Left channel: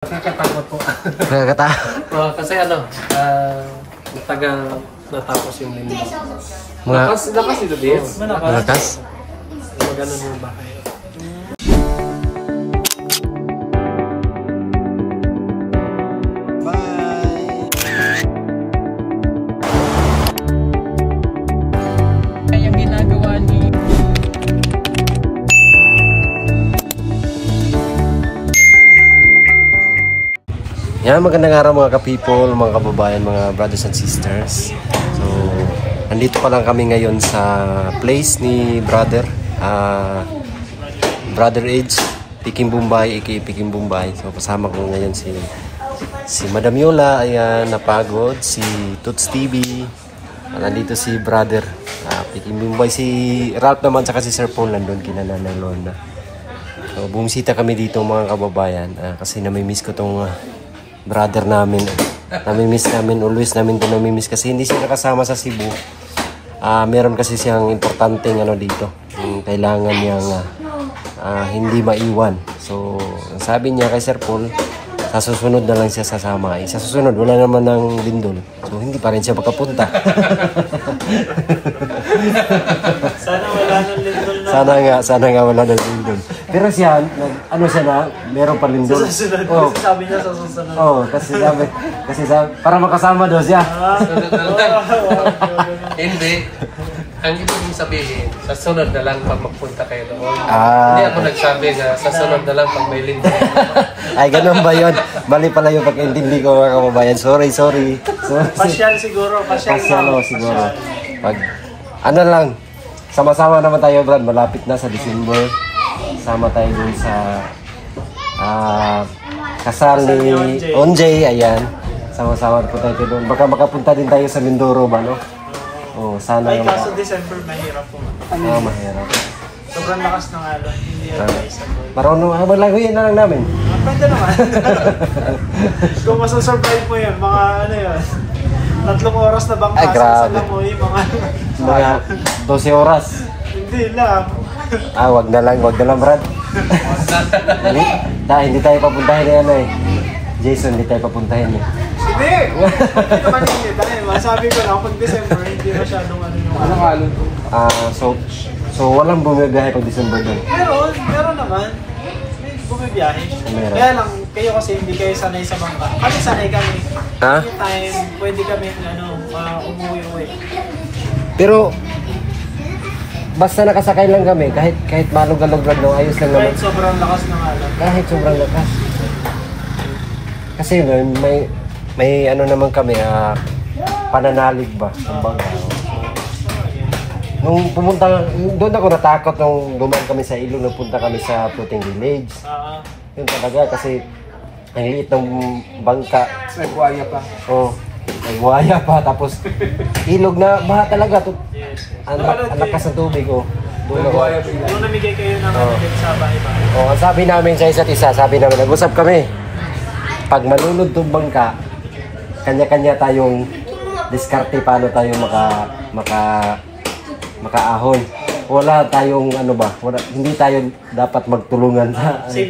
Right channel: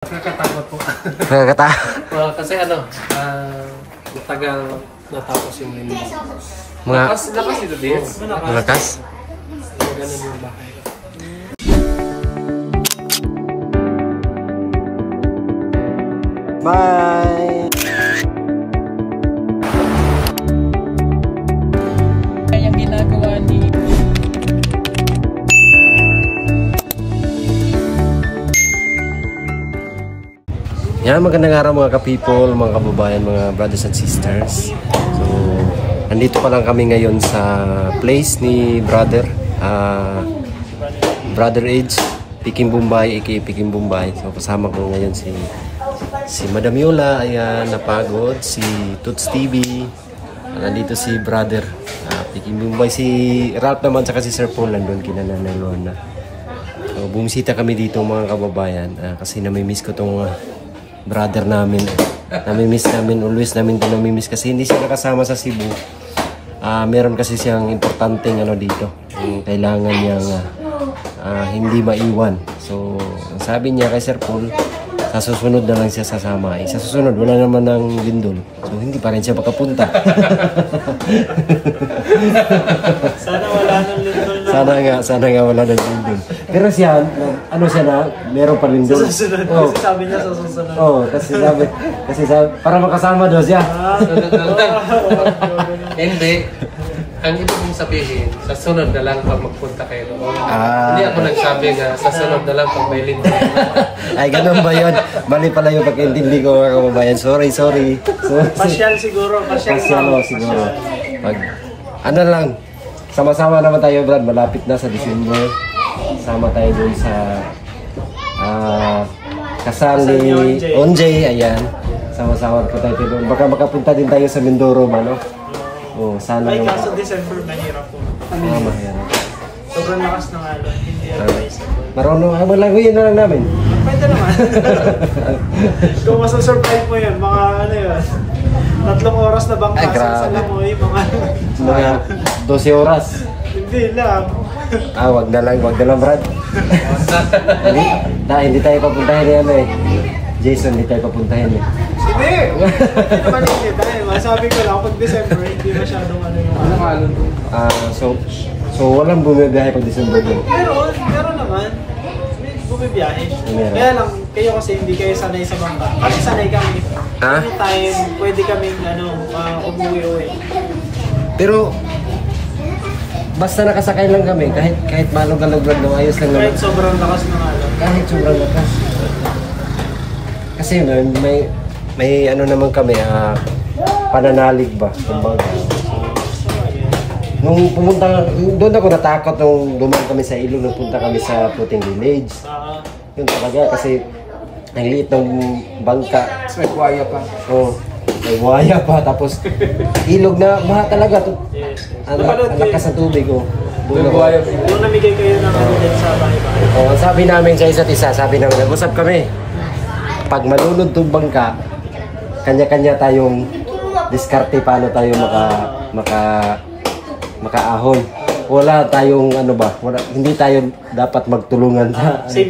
Nakakatakot po. Nakakatakot? Kasi matagal natapos yung lindi. Mga... Lakas ito din. Malakas? Ganun yung bahay. Bye! Yung ginagawa ni... Yan, magandang araw mga ka-people, mga kababayan, mga brothers and sisters. So, nandito pa lang kami ngayon sa place ni Brother Edge, Peking Bombay, aka Peking Bombay. So, kasama ko ngayon si Madam Yola, ayan, napagod, si Toots TV, nandito si Brother Peking Bombay, si Ralph naman, saka si Sir Paul nandun, kinananay Lorna. So, bumisita kami dito mga kababayan, kasi namimiss ko tong brother namin. Namimiss namin, always namin din namimiss kasi hindi siya nakasama sa Cebu. Meron kasi siyang importanteng dito. Kailangan niyang hindi maiwan. So, sabi niya kay Sir Paul, sa susunod na lang siya sasama. Sa susunod, wala naman ng lindol. So, hindi pa rin siya makapunta. Sana wala ng lindol na. Sana nga wala ng lindol. Pero siya, siya na, meron pa lindol. Sa susunod, kasi sabi niya sa susunod. Kasi sabi, para makasama daw siya. Hindi. Ang ibig kong sabihin, sa sunod na lang pag magpunta kayo doon. Hindi ako nagsabi sa sunod na lang pag may lindol. Ay, ganun ba yun? Mali pala yung pagkaintindi ko mga kababayan. Sorry. Pasyal siguro. Pasyal siguro. Pag, lang, sama-sama naman tayo, Brad. Malapit na sa December. Sama tayo dun sa kasal ni Onjay. Ayan. Sama-sama po tayo doon. Baka makapunta din tayo sa Mindoro ba, no? Sana ay, kaso December mahirap po. Mahirap. Sobrang lakas ng alon. Hindi advisable. Marunong, malaguyin na lang namin. Pwede naman. Kung masasurvive mo yun, mga 3 oras na bang kasi sa Langoy, mga 12 oras. Hindi lang. Wag na lang, Brad. Hindi tayo papuntahin na yan Jason, hindi tayo papuntahin Hindi naman hindi tayo. Masabi ko lang, pag December, hindi masyadong yung alon. So walang bumibiyahe pag December doon? Meron naman. May bumibiyahe. Kaya lang, kayo kasi hindi kayo sanay sa bangka. Kasi sanay kami. Anytime, pwede kami umuwi-uwi. Pero, basta nakasakay lang kami, kahit malog-alaglag no, ayos lang naman. Kahit sobrang lakas ng alon. Kahit sobrang lakas. Kasi may naman kami, pananalig ba? Kumbaga. Nung pumunta, doon ako natakot nung dumaan kami sa ilog, nung punta kami sa Floating Village. Yun talaga kasi ang liit ng bangka. May buhaya pa. May buhaya pa. Tapos ilog na baha talaga. Ang lakas ng tubig. May buhaya pa. Yung namigay kayo ng din sa bahay-bahay. Ang sabi namin sa isa't isa, nag-usap kami. Pag malunod itong bangka, kanya-kanya tayong diskarte paano tayo makaahon. Wala tayong hindi tayo dapat magtulungan sa Save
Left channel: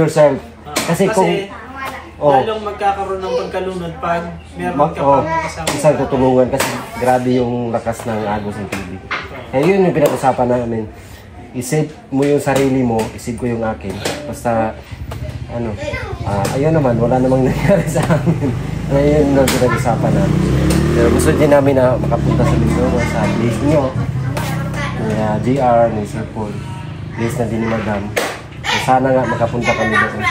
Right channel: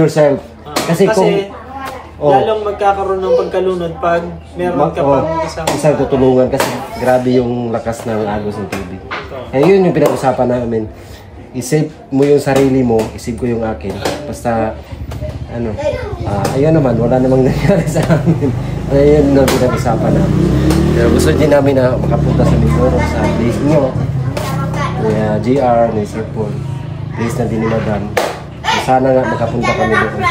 yourself. Kasi kung lalong magkakaroon ng pagkalunod pag meron ka pang isang tutulungan kasi grabe yung lakas ng agos ng tubig. Yun yung pinag-usapan namin. I-save mo yung sarili mo, i-save ko yung akin. Basta ayun naman, wala namang nangyari sa amin. Ayun yung pinag-usapan namin. Pero gusto din namin na makapunta sa Mindoro, sa place nyo. Ni JR, ni Sir Paul. Place na din ni Madam. So, sana nga makapunta kami doon.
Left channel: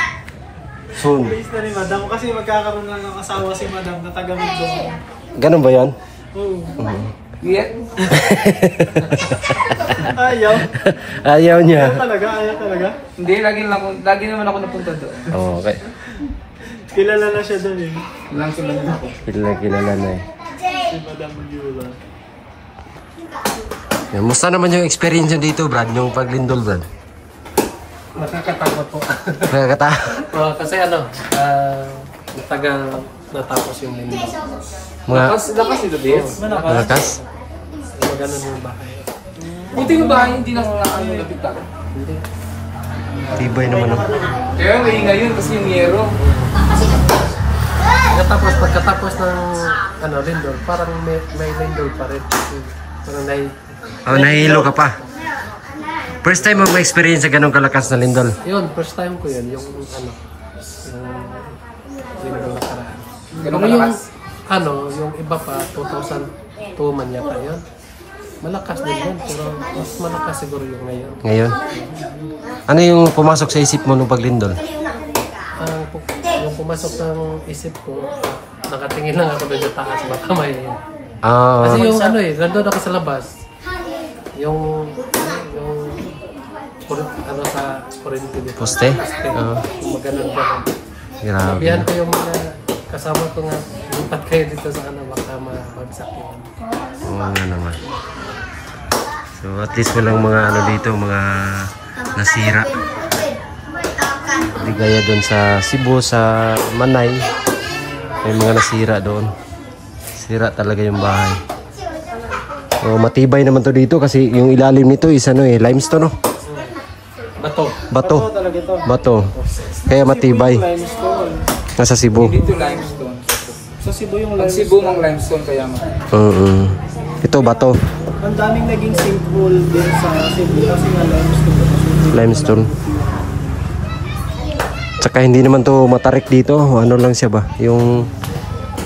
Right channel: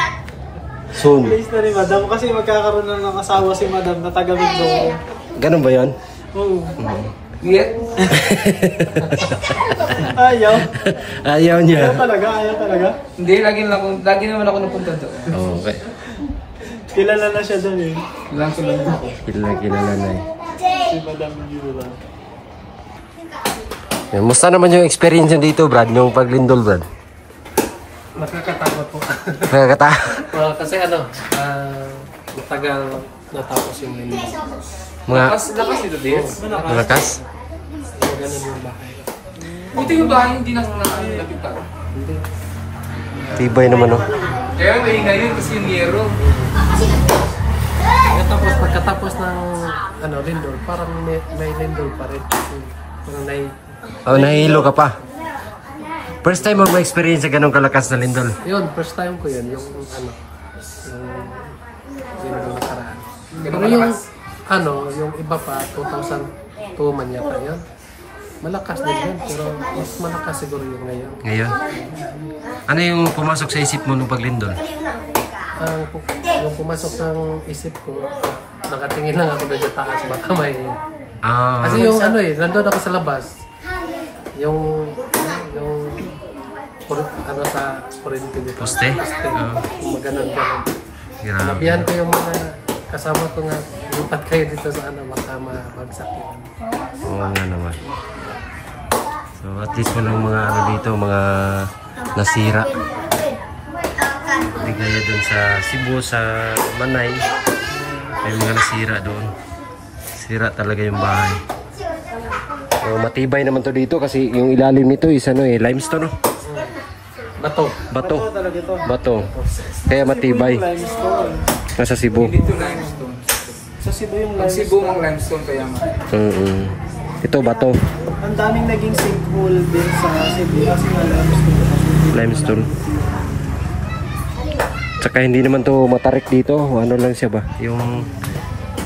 Soon. Place na ni Madam kasi magkakaroon na ng asawa si Madam na taga Mindoro. Ganun ba yan? Oo. Ayaw niya. Ayaw talaga. Hindi, lagi naman ako napunta doon. Okay. Kilala na siya doon Kilala na ako. Kilala na Si Madam Yola. Musta naman yung experience nyo dito, Brad? Yung paglindol, Brad? Nakakatakot po. Nakakatakot? Kasi matagal natapos yung lindol. Lakas ito din. Malakas? Ganun yung bahay. Buti yung bahay, hindi nakakapit ka. Tibay naman Kaya maingay yun kasi yung yero. Pagkatapos ng lindol, parang may lindol pa rin. Parang nahihilo ka pa. First time mo ma-experience sa ganong kalakas na lindol? Yun, first time ko yun. Yung lindol na karaan. Pero yung iba pa, 2002 man yata yun. Malakas din yun, pero mas malakas siguro yung ngayon. Ngayon? Ano yung pumasok sa isip mo nung paglindol? Yung pumasok ng isip ko, nakatingin lang ako doon sa taas, baka may... Kasi yung nandun ako sa labas, yung sa kuryente dito. Poste? Maganon-ganon. Nabihan ko yung mga kasama ko nga, lupat kayo dito sa baka mabagsak yun. Oo nga naman. So at least walang mga dito, mga nasira. Hindi gaya doon sa Cebu, sa Manay. May mga nasira doon. Sira talaga yung bahay. Matibay naman to dito kasi yung ilalim nito is limestone, no? Bato talaga to. Bato. Kaya matibay. Nasa Cebu. Dito limestone. Sa Cebu yung limestone. Sa Cebu mang limestone kaya Ito bato. Ang daming naging sinkhole din sa Cebu kasi nga limestone. Tsaka hindi naman to matarik dito. Ano lang siya ba? Yung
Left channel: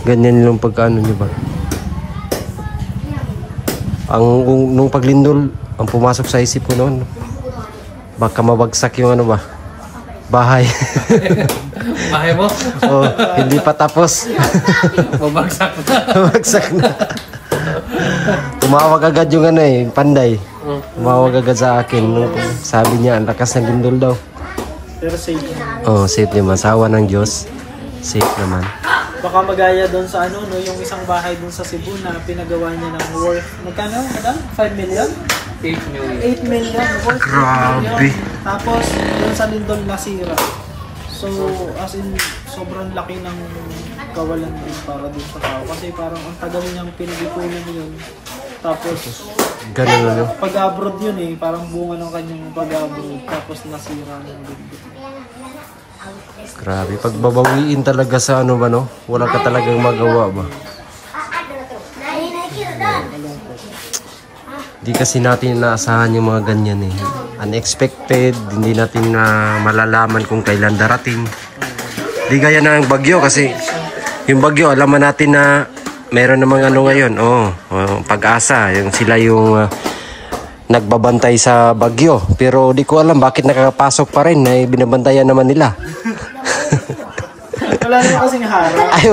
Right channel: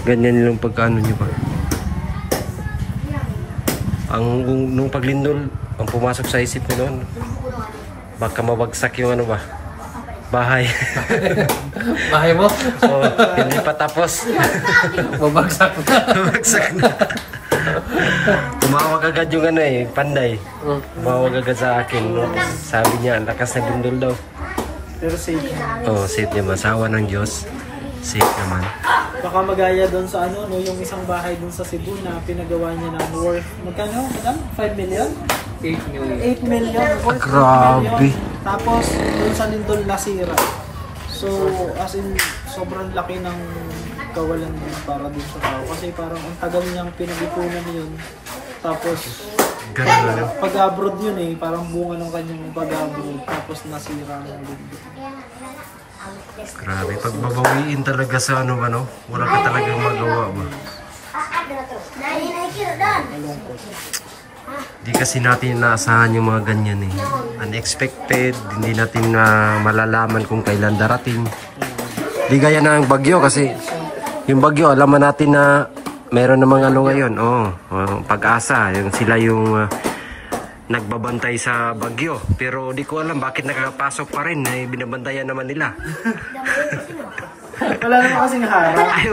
ganyan yung pagkaano nyo ba? Nung paglindol, ang pumasok sa isip ko noon, baka mabagsak yung bahay. Bahay mo? Hindi pa tapos. Mabagsak na. Mabagsak na. Tumawag agad yung panday. Tumawag agad sa akin. Sabi niya, ang lakas ng lindol daw. Pero safe naman. Safe naman. Sawa ng Diyos. Safe naman. Baka magaya doon sa yung isang bahay doon sa Cebu na pinagawa niya ng worth. Magkano, madam? 5 million? 8 million. 8 million. Worth 8 Grabe. million. Tapos, doon sa lindol nasira. So, as in, sobrang laki ng kawalan yun para doon sa tao. Kasi parang ang tagal niyang pinag-ipunan yun. Tapos, pag-abroad yun parang bunga ng kanyang pag-abroad. Tapos nasira ng lindol. Grabe, pagbabawiin talaga sa wala ka talagang magawa ba? Di kasi natin inaasahan yung mga ganyan unexpected, hindi natin malalaman kung kailan darating. Di gaya ng bagyo kasi yung bagyo, alaman natin na meron namang ngayon, Pag-asa, yung sila yung nagbabantay sa bagyo. Pero di ko alam bakit nakakapasok pa rin na binabantayan naman nila. Wala naman kasing harang. Ay,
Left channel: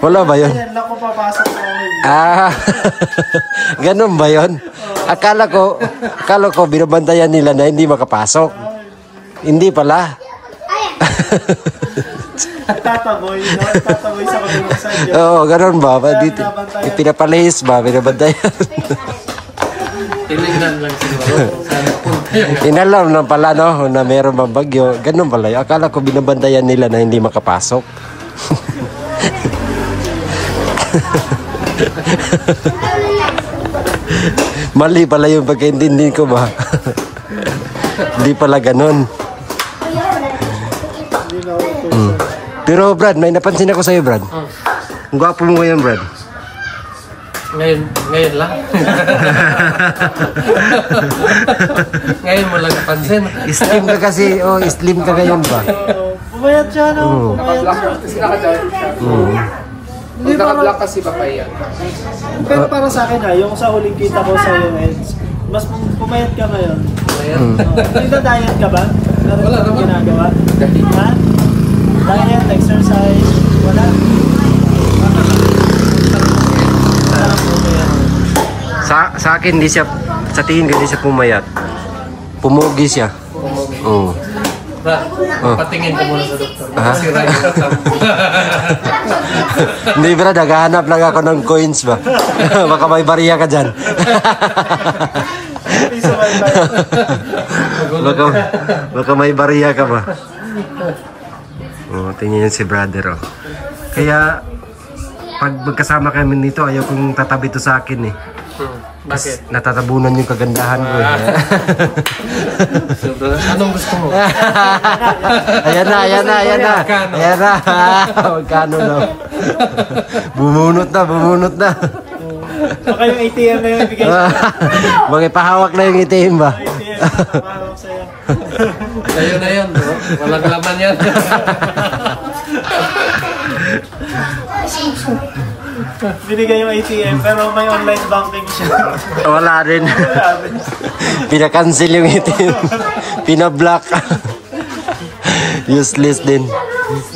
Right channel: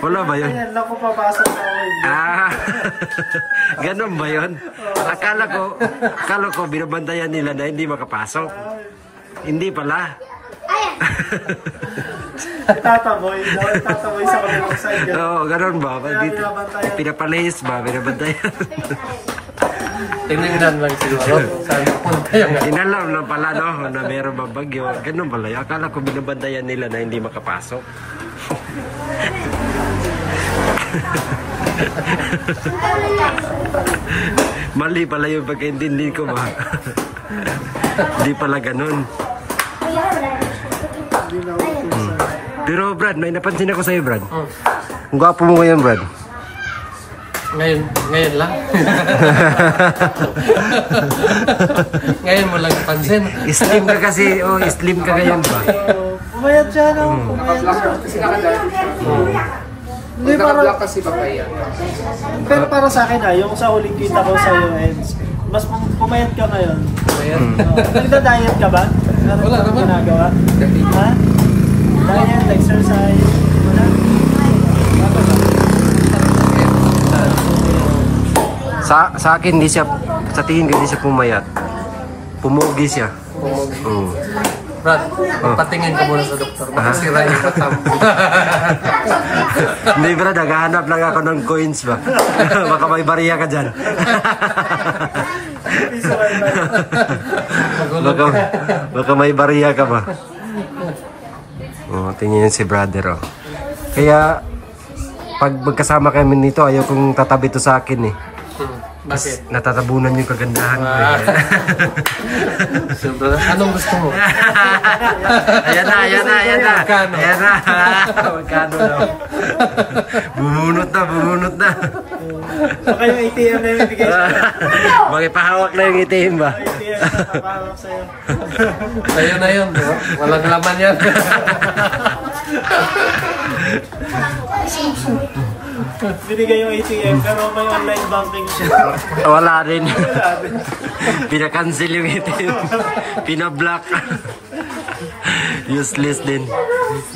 wala ba yun? Ayan, ako papasok na ganun ba yun? Akala ko binabantayan nila na hindi makapasok. Hindi pala. Tataboy sa kabilang sadya. Oo, ganun ba? Pinapalihis ba? Binabantayan. Tinignan lang siguro. Inalam na pala na meron bang bagyo. Ganun pala. Akala ko binabantayan nila na hindi makapasok. Mali pala yung pagkaintindi ko ba? Hindi pala ganun. Pero Brad, may napansin ako sa'yo, Brad. Ang gwapo mo ngayon, Brad. Ngayon lang. Ngayon mo lang napansin. Slim ka kasi, slim ka ngayon ba? Pumayat siya, Pumayat siya. Hindi naka-black kasi papaya. Pero para sa akin yung sa huling kita ko sa iyo, Eds, mas pumayat ka ngayon. Nagda-diet ka ba? Wala naman ginagawa? Ha? Diet, exercise, wala? Sa akin, hindi siya, sa tingin ko, hindi siya pumayat. Pumugi siya. Oo. Brad, patingin ka muna sa doktor. Makasira yung katam. Hindi, Brad, naghahanap lang ako ng coins ba? Baka may bariya ka dyan. baka may bariya ka ba? Tingnan si brother, Kaya, pag magkasama kami nito, ayaw kong tatabi to sa akin, Bakit? Natatabunan yung kagandahan ko eh. Sobra. Anong gusto mo? Ayan na. Ayan na. Magkano na. Bumunot na. Baka yung ATM na yung ibigay sa'yo. Magipahawak na yung ATM ba? ATM na papahawak sa'yo. Ayun na yun. Walang laman yan. Binigay yung ATM pero may online banking siya. Wala rin. Pinakancel yung ATM. Pinablock. Useless din.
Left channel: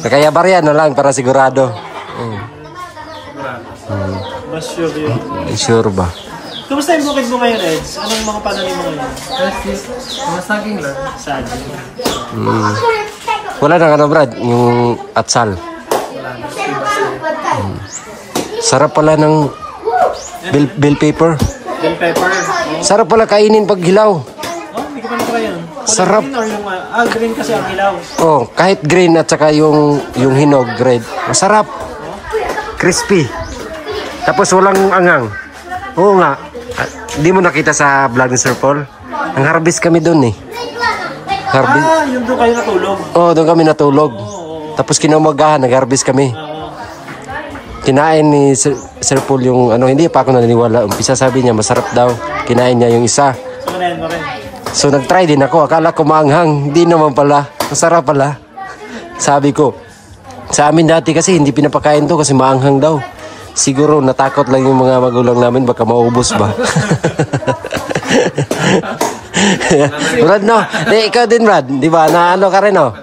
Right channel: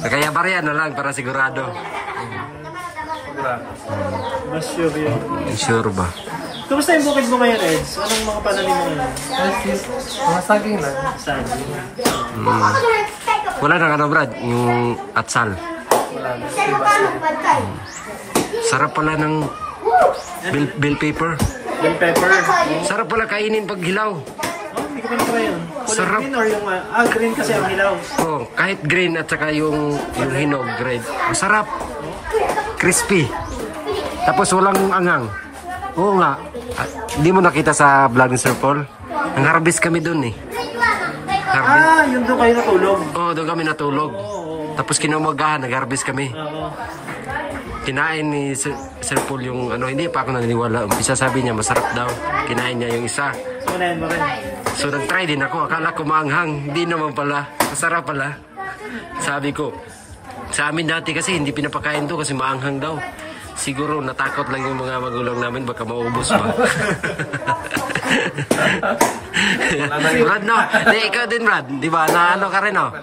Kaya bariya na lang para sigurado. Mas sure yun. Sure ba? Kumusta yung bukid mo ngayon, Eds? Anong mga pananim mo ngayon? Mga saging lang. Saan? Wala na ano Brad, yung atsal. Wala na. Tibas na. Sarap pala ng bell pepper. Bell pepper. Sarap pala kainin pag hilaw. Oh, hindi ko pa na yun. Sarap. Green or yung, green kasi ang hilaw. Oh, kahit green at saka yung hinog red. Masarap. Crispy. Tapos walang angang. Oo nga. Hindi mo nakita sa vlog ni Sir Paul? Ang harvest kami doon eh. Yung doon kayo natulog. Oo, doon kami natulog. Tapos kinamagahan, nag-harvest kami. Kinain ni Sir Paul yung ano, hindi pa ako naniniwala. Umpisa sabi niya, masarap daw. Kinain niya yung isa. So, manahin mo rin. So nag-try din ako. Akala ko maanghang. Hindi naman pala. Masarap pala. Sabi ko, sa amin dati kasi hindi pinapakain to kasi maanghang daw. Siguro natakot lang yung mga magulang namin baka maubos ba. Brad, no? Ikaw din, Brad. Di ba? Na ano ka rin, no?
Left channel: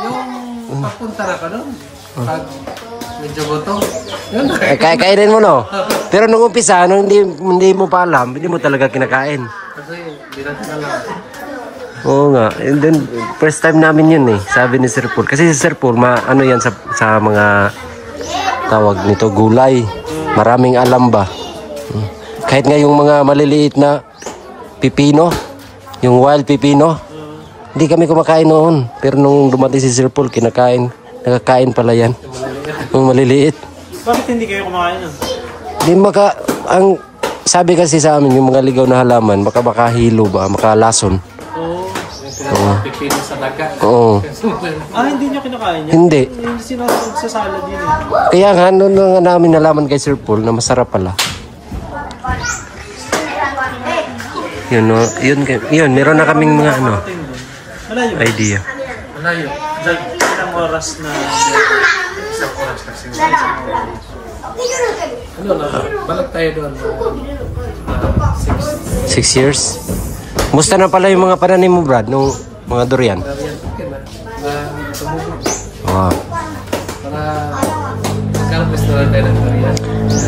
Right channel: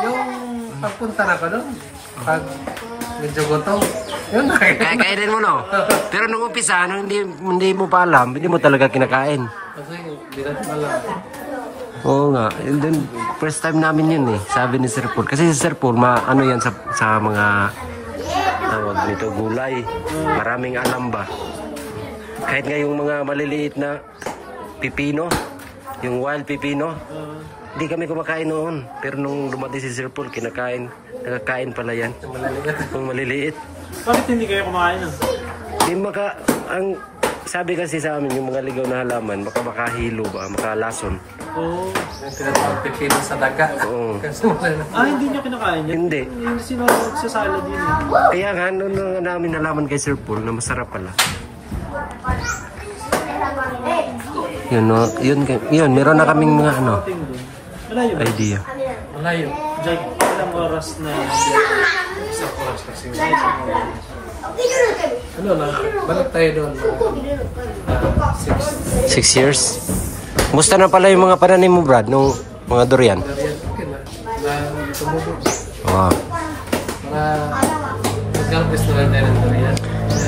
Yung papunta na ka doon. Pag medyo gutom. Yun na. Kainin mo, no? Pero nung umpisa, nung hindi mo pa alam, hindi mo talaga kinakain. Kasi hindi natin alam. Oo nga. And then, first time namin yun eh. Sabi ni Sir Paul. Kasi si Sir Paul, ano yan sa mga tawag nito, gulay. Maraming alam ba. Kahit nga yung mga maliliit na pipino, yung wild pipino, hindi kami kumakain noon. Pero nung dumating si Sir Paul, nakakain pala yan. Yung maliliit. Bakit hindi kayo kumakain nun? Ang sabi kasi sa amin, yung mga ligaw na halaman, makahilo ba, makalason. Oo. Pipino sa daga. Oo. Hindi niyo kinakain yan? Hindi. Yung sinasag sa salad din eh. Kaya nga, noon nga namin nalaman kay Sir Paul na masarap pala. Yun, no? Yun, meron na kaming mga ano, Malayo ba? idea. Malayo. Diyan, ilang oras na... Isang oras kasi. Ano na, balik tayo doon. 6 years? Musta na pala yung mga pananim mo, Brad, nung mga durian? Durian, okay na. Na tumubo. Wow. Para mag-harvest na lang tayo ng durian.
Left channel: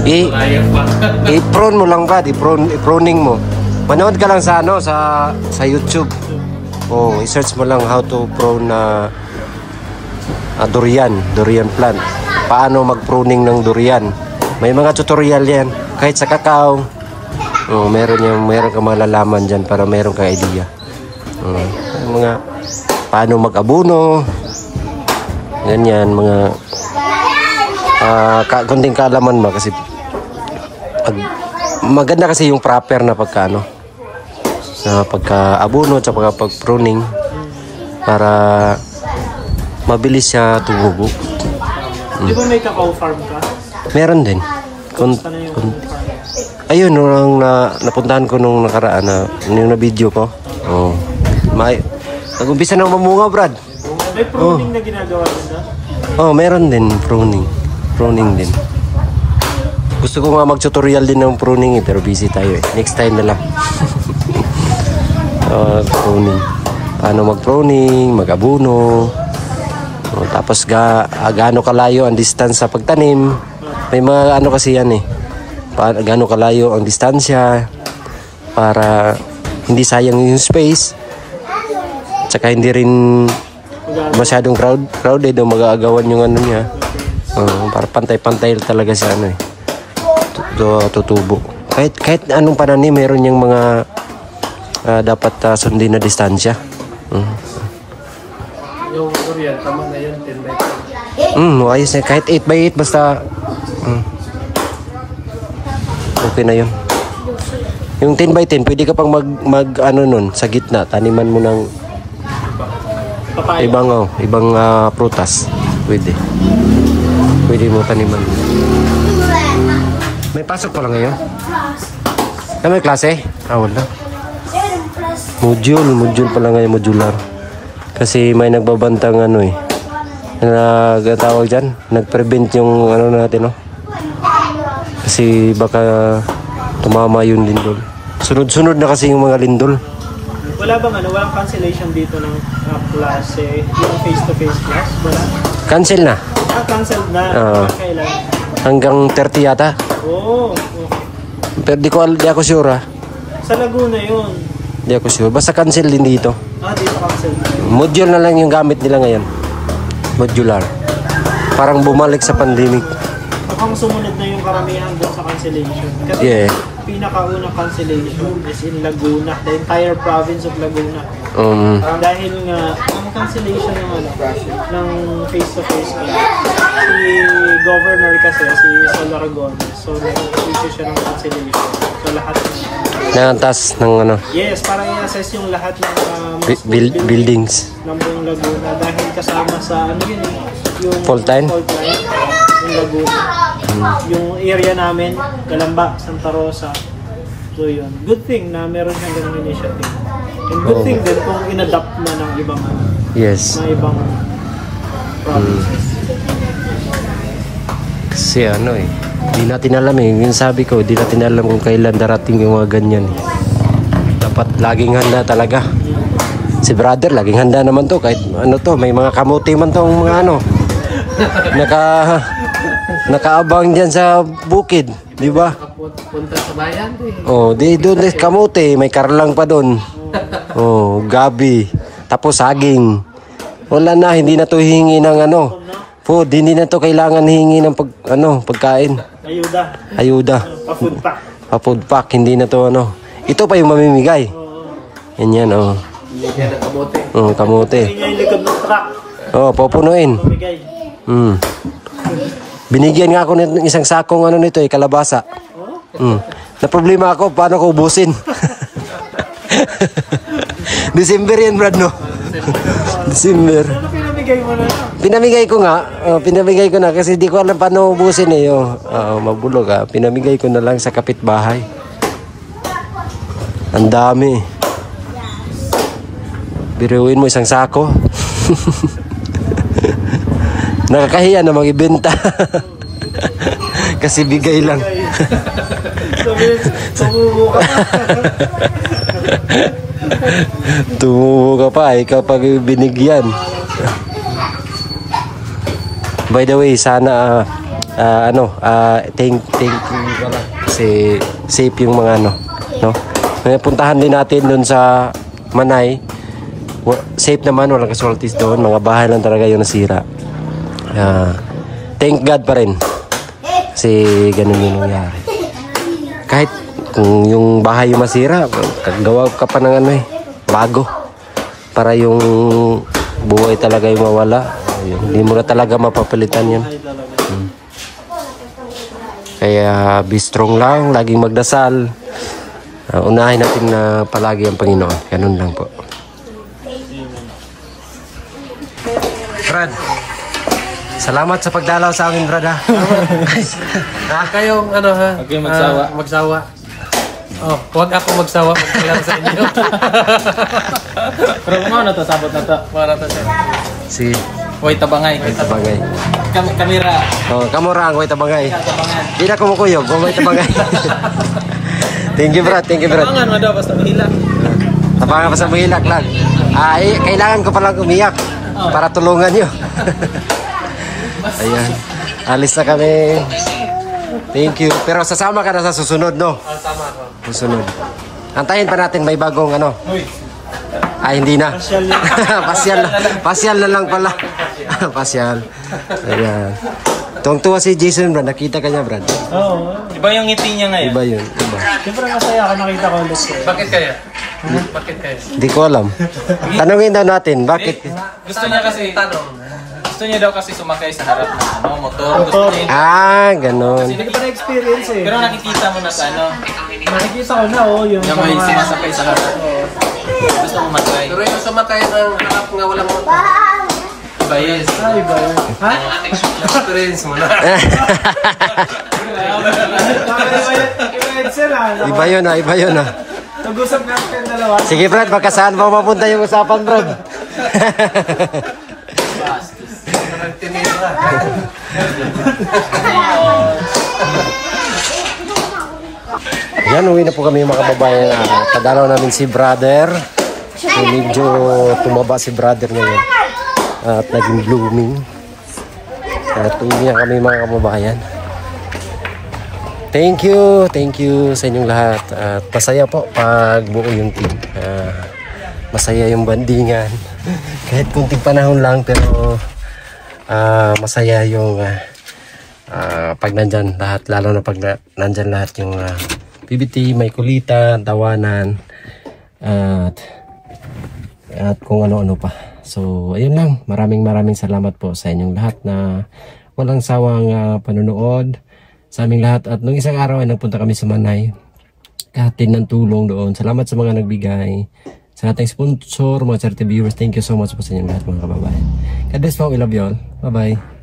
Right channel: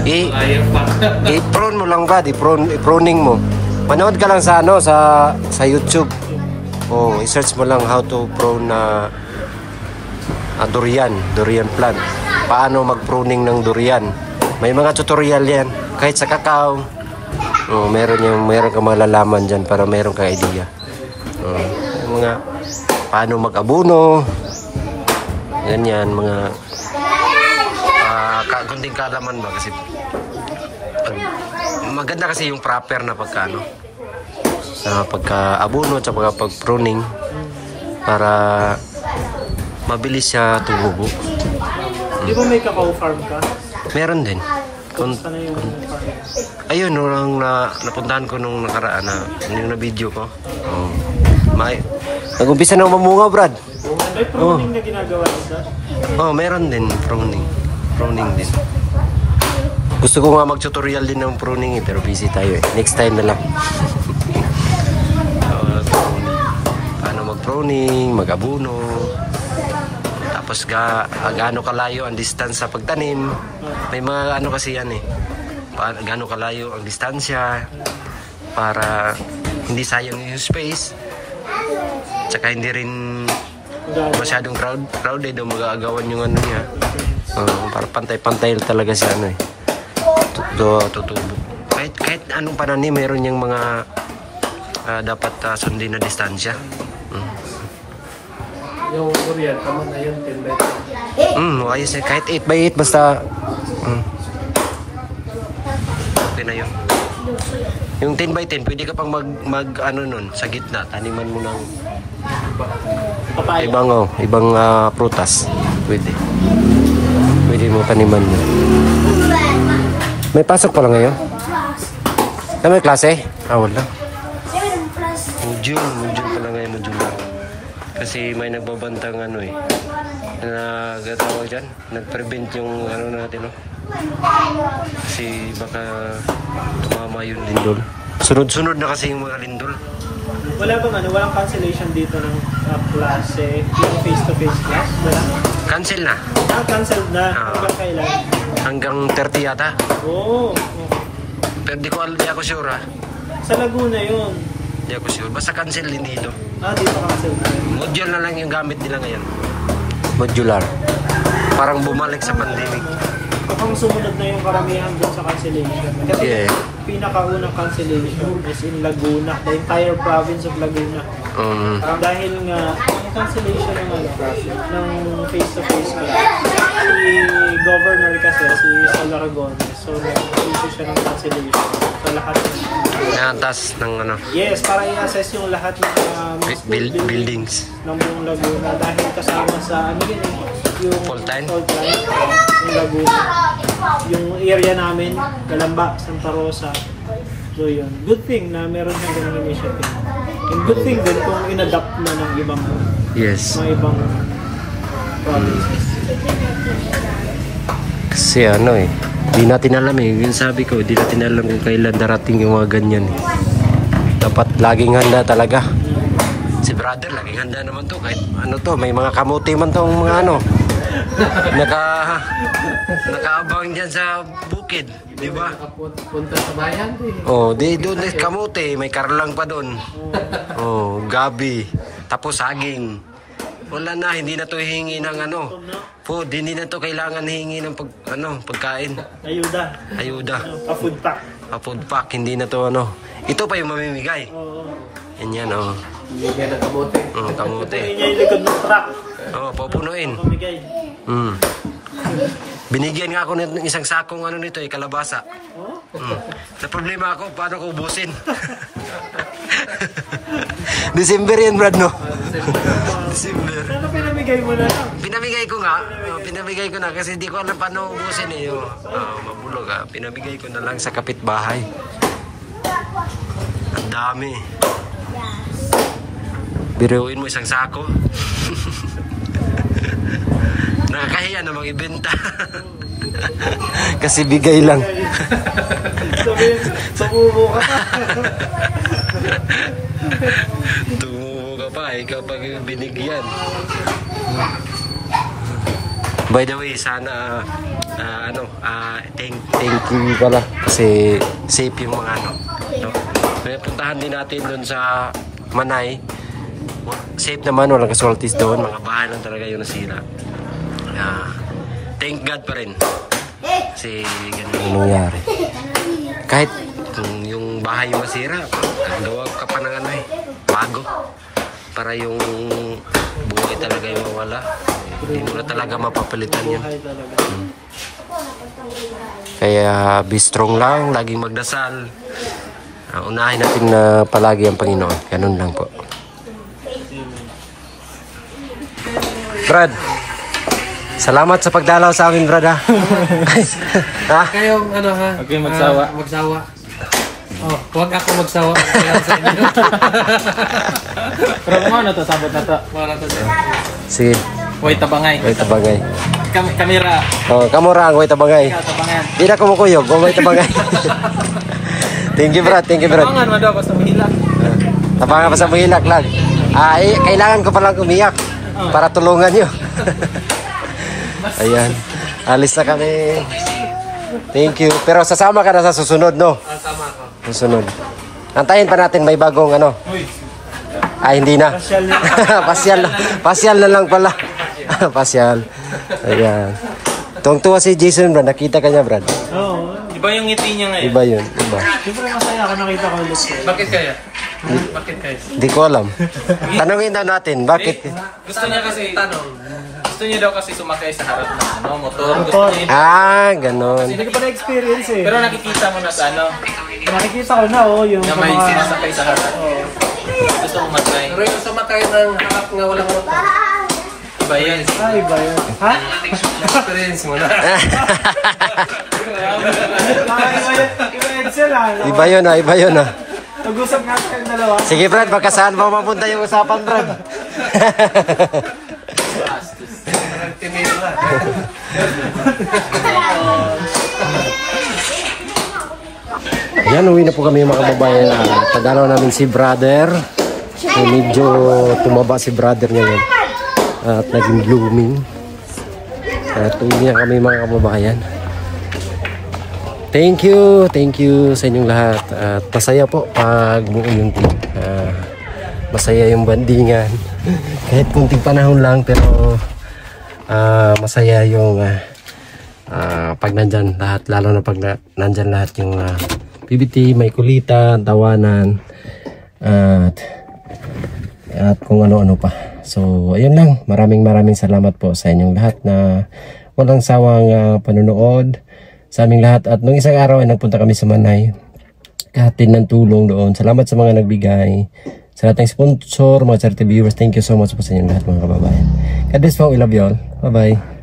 Malayo pa. I-prone mo lang, Brad. I-proning mo. Manood ka lang sa ano, sa YouTube. Oh, i-search mo lang how to prune na durian plant. Paano mag-pruning ng durian. May mga tutorial yan. Kahit sa kakao. Oh, meron kang malalaman dyan para meron kang idea. Oh, mga paano mag-abuno. Ganyan, mga kunting kaalaman ba kasi maganda kasi yung proper na pagkaano sa pagka-abuno at pagka-pruning para mabilis siya tumubo. Di ba may kakao farm ka? Meron din. Basta na yung farm. Ayun, nung napuntahan ko nung nakaraan yung na-video ko. Oh. Nag-umpisa na mamunga, Brad. May pruning na ginagawa nila? Oh, meron din pruning. Pruning din. Gusto ko nga mag-tutorial din ng pruning pero busy tayo eh. Next time na lang. Pruning. Paano mag-pruning, mag-abuno. Tapos gaano kalayo ang distance sa pagtanim. May mga ano kasi yan eh. Gaano kalayo ang distansya para hindi sayang yung space. Tsaka hindi rin masyadong crowded o mag-aagawan yung ano niya. Para pantay-pantay talaga sa ano eh. Tutubo. Kahit anong pananim, meron yung mga dapat sundin na distansya. Yung durian, tama na yun, 10 by 10. Ayos na. Kahit 8 by 8 basta okay na yun. Yung 10x10, pwede ka pang ano nun, sa gitna, taniman mo ng Papaya. ibang prutas. Pwede. Pwede mo taniman yun. May pasok pa lang ngayon? Ano may klase? Wala. Module pa lang ngayon, modular. Kasi may nagbabantang nagtawag dyan, nag-prevent yung natin, no? Kasi baka tumama yung lindol. Sunod-sunod na kasi yung mga lindol. Wala bang walang cancellation dito ng klase, yung face-to-face class? Wala? Cancel na. Cancelled na. Kailan? Hanggang 30 yata. Oo. Pero di ako sure, Sa Laguna yun. Di ako sure. Basta cancel din dito. Dito cancelled na yun. Module na lang yung gamit nila ngayon. Modular. Parang bumalik sa pandemic. Mukhang sumunod na yung karamihan doon sa cancellation. Kasi pinakaunang cancellation is in Laguna, the entire province of Laguna. Dahil nga, yung cancellation ng face-to-face class, si governor kasi, si Sol Aragones, so nag-issue siya ng cancellation. So lahat Naantas ng Yes, para i-assess yung lahat ng buildings ng buong Laguna dahil kasama sa yung fault line yung Laguna. Yung area namin, Galamba, Santa Rosa. So yun. Good thing na meron siyang ganung initiative. And good thing din kung in-adapt na ng ibang mga ibang provinces. Kasi di natin alam yung sabi ko, di natin alam kung kailan darating yung mga ganyan. Dapat laging handa talaga. Si brother, laging handa naman to. Kahit may mga kamuti man tong mga nakaabang dyan sa bukid. Di ba? Punta sa bayan. Doon kamuti. May karlang pa doon. Gabi. Tapos saging. Wala na, hindi na to hihingi ng food, hindi na to kailangan hingi ng pagkain. Ayuda. Pa-food pack, hindi na to Ito pa yung mamimigay. Yan. Kamote. Yan yung likod ng truck. Pupunuin. Mamigay. Binigyan nga ako ng isang sakong nito, kalabasa. Na problema ako, paano ko ubusin? December yan, Brad, no? December. Ano pinamigay mo na? Pinamigay ko na kasi di ko alam paano ubusin mabulog pinamigay ko na lang sa kapitbahay. Ang dami. Biruin mo isang sako. Nakakahiya na mag-ibenta. Kasi bigay lang. Sumubo ka. Tumubo ka pa kapag binigyan. By the way, sana thank you pala kasi safe yung mga no. Ngayon puntahan din natin doon sa Manay. Safe naman, walang casualties doon, mga bahay lang talaga yung nasira. Thank God pa rin. Kasi ganun yung nangyari. Kahit kung yung bahay yung masira, gawa ka pa ng bago. Para yung buhay talaga yung mawala. Hindi mo na talaga mapapalitan yan. Kaya be strong lang, laging magdasal. Unahin natin na palagi ang Panginoon. Ganun lang po. Brad, salamat sa pagdalaw sa amin, Brad, ha? Kayong Okay, magsawa. Magsawa. Huwag ako magsawa magsayaw sa inyo. Pero mga na to, sabot na to. Para to. Sige. Huwag tabangay. Huwag tabangay. Kamera. Kamura ang huwag tabangay. Di na kumukuyog, huwag tabangay. Thank you, Brad. Tabangan mo daw, basta mahilak. Tabangan pa sa mahilak lang. Kailangan ko palang umiyak para tulungan nyo. Ayan. Alis na kami. Thank you. Pero sasama ka na sa susunod, no? Susunod. Antayin pa natin may bagong hindi na. Pasyal na lang pala. Pasyal. Ayan. Tuwang-tuwa si Jason, Brad. Nakita ka niya, Brad. Oo. Iba yung ngiti niya ngayon. Iba yun. Iba. Siyempre masaya ako nakita ko ulit. Bakit kaya? Bakit kaya? Hindi ko alam. Tanungin daw natin. Bakit? Gusto niya kasi Gusto niya daw kasi sumakay sa harap ng motor. Gusto niya Ganon. Hindi pa na-experience Pero nakikita mo na sa nakikita ko na yung Yung sa may mga... sumasakay sa harap. Gusto mo matry. Pero yung sumakay ng harap nga walang motor. Iba yun. Iba yun. Ha? Experience mo na. Iba yun ah, iba yun ah. Nag-usap nga kayong dalawa. Sige Brad, baka saan mo mapunta yung usapan Brad? Tinira. Yan, uwi na po kami mga kababayan. Tadalaw namin si brother. So, medyo tumaba si brother ngayon. At naging blooming. At uwi na kami mga kababayan. Thank you sa inyong lahat. At masaya po pag buo yung team. Masaya yung bandingan. Kahit kunting panahon lang pero masaya yung pag nandyan lahat. Lalo na pag nandyan lahat yung PBT, may kulitan, tawanan, at kung ano-ano pa. So, ayun lang. Maraming salamat po sa inyong lahat na walang sawang panonood sa aming lahat. At nung isang araw ay nagpunta kami sa Manay. Kahatid ng tulong doon. Salamat sa mga nagbigay. Sa ating sponsor, mga charity viewers, thank you so much po sa inyong lahat mga kababayan. God bless po. We love you all. Bye-bye.